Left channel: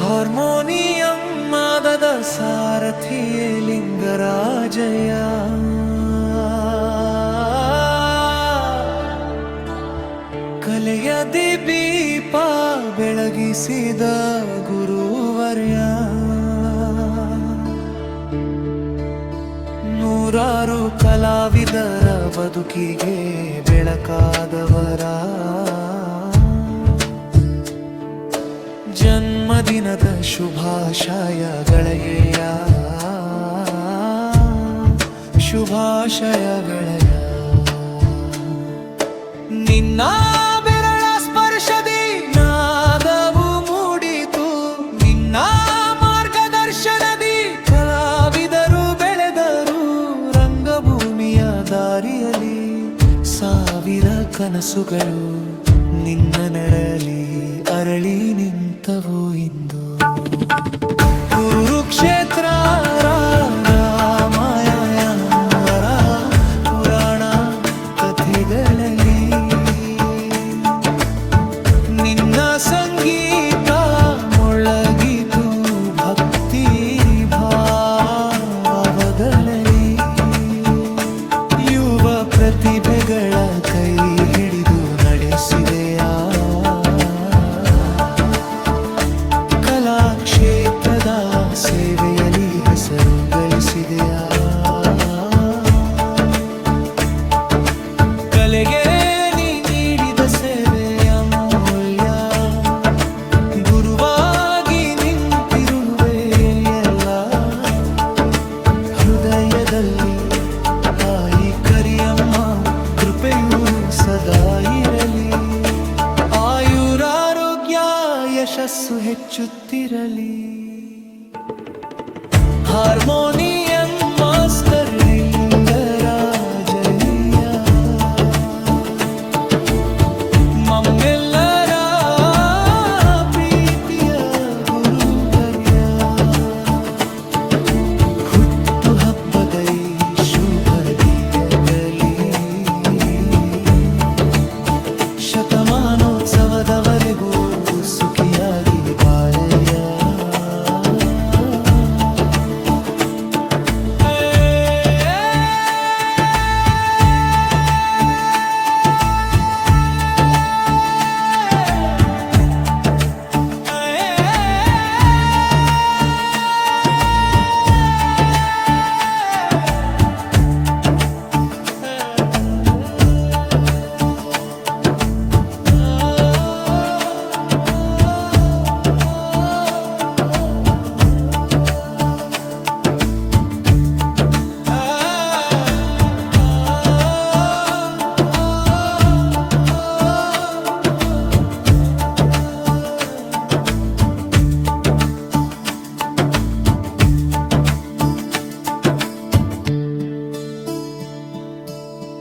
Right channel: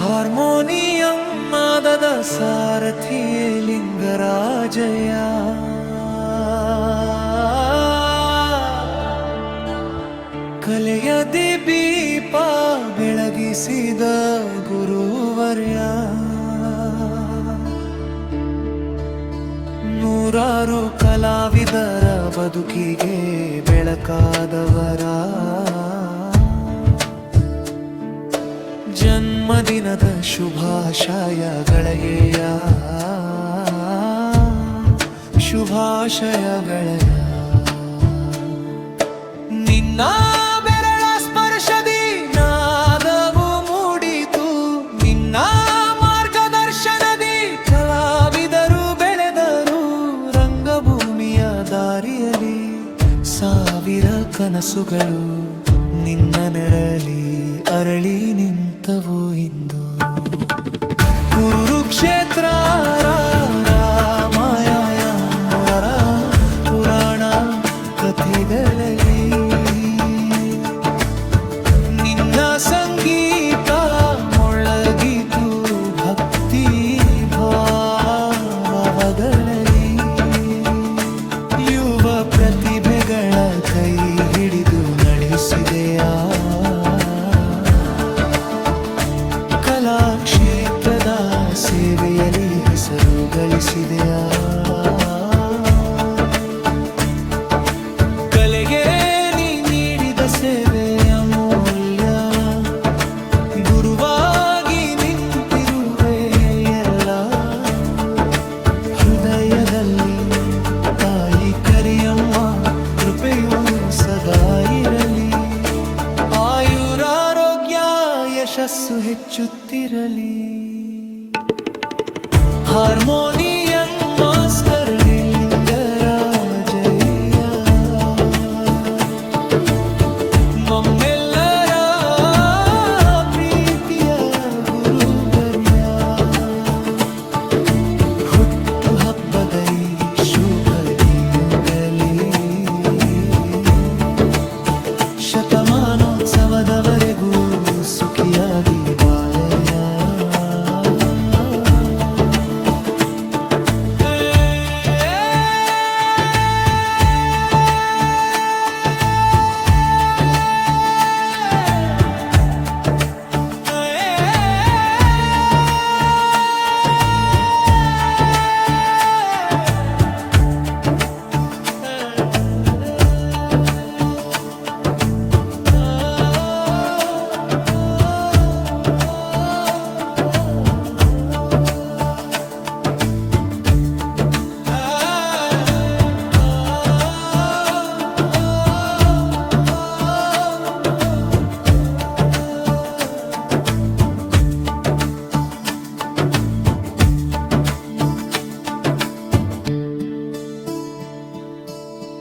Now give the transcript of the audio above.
Harmonium ನಾದದ ಸಾರಥಿಯೇ ಲಿಂಗರಾಜಯ್ಯ, ಕಲೆಯ ದೀಪ ಬೆಳಗಿಸಿದ ಗುರುವರ್ಯ, ನೂರಾರು ಕಲಾವಿದರ ಬದುಕಿಗೆ ಬೆಳಕಾದವರ ಜನ್ಮದಿನದ ಶುಭಾಶಯಗಳಯ್ಯ, ಶುಭಾಶಯಗಳಯ್ಯ. ನಿನ್ನ ಬೆರಳ ಸ್ಪರ್ಶದಿ ನಾದವು ಮೂಡಿತು, ನಿನ್ನ ಮಾರ್ಗದರ್ಶನದಿ ಕಲಾವಿದರು ಬೆಳೆದರು. ರಂಗಭೂಮಿಯ ದಾರಿಯಲ್ಲಿ ಸಾವಿರ ಕನಸುಗಳು ನಿನ್ನ ನೆರಳಿ ಅರಳಿ ನಿಂತವು ಇಂದು. ಕುರುಕ್ಷೇತ್ರ ರಾಮಾಯಣ ಪುರಾಣ ಕಥೆಗಳಲ್ಲಿ ನಿನ್ನ ಸಂಗೀತ ಮೊಳಗಿತು ಭಕ್ತಿ ಭಾವಗಳಲ್ಲಿ. ಯುವ ಪ್ರತಿಭೆಗಳ ಕೈ ಹಿಡಿದು ನಡೆಸಿದೆಯಾ, ಕಲಾಕ್ಷೇತ್ರದ ಸೇವೆಯಲ್ಲಿ ಹೆಸರು ಗಳಿಸಿದೆಯಾ. ಕಲೆಗೆ ನೀ ನೀಡಿದ ಸೇವೆ ಅಮೂಲ್ಯ, ಗುರುವಾಗಿ ನಿಂತಿರುವೆ ಎಲ್ಲ ಹೃದಯದಲ್ಲಿ. ತಾಯಿ ಕರಿಯಮ್ಮ ಕೃಪೆಯು ಸದಾ ಇರಲಿ, ಆಯುರಾರೋಗ್ಯ ಯಶಸ್ಸು ಹೆಚ್ಚುತ್ತಿರಲಿ. ಹಾರ್ಮೋನಿಯಂ ಮಾಸ್ಟರ್ ಲಿಂಗರಾಜಯ್ಯ, ಮಮ್ಮೆಲ್ಲರ ಪ್ರೀತಿಯ ಗುರುವರ್ಯ. ಹುಟ್ಟು ಹಬ್ಬದ ಶುಭ ದಿನದಲ್ಲಿ ಶತಮಾನೋತ್ಸವದವರೆಗೂ ಸುಖಿಯಾಗಿ